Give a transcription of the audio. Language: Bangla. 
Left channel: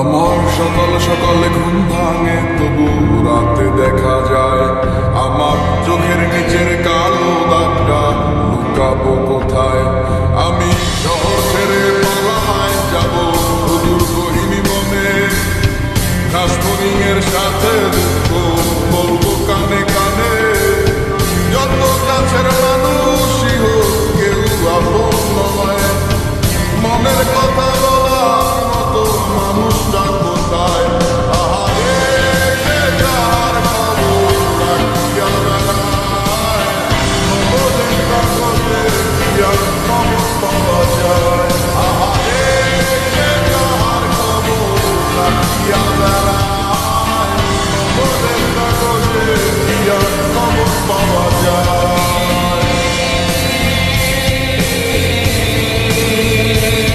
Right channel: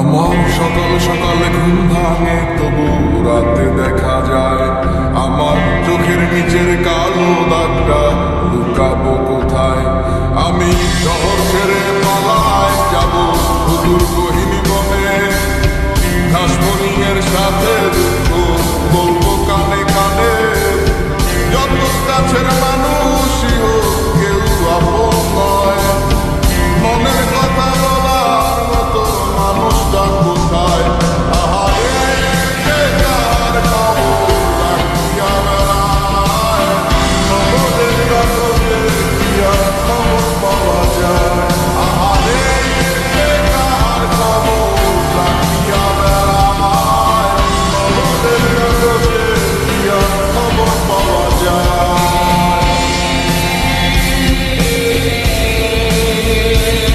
আমার সকাল সকালে ঘুম ভাঙে, তবু রাতে দেখা যায় আমার চোখের নিচের কালো দাগটা লুকাবো কোথায়। আমি শহর ছেড়ে পালায় যাব সুদূর গহীন বনে, ঘাসফড়িংয়ের সাথে দুঃখ বলবো কানে কানে। যত কাছের মানুষই হোক কেউ আপন নয়, মনে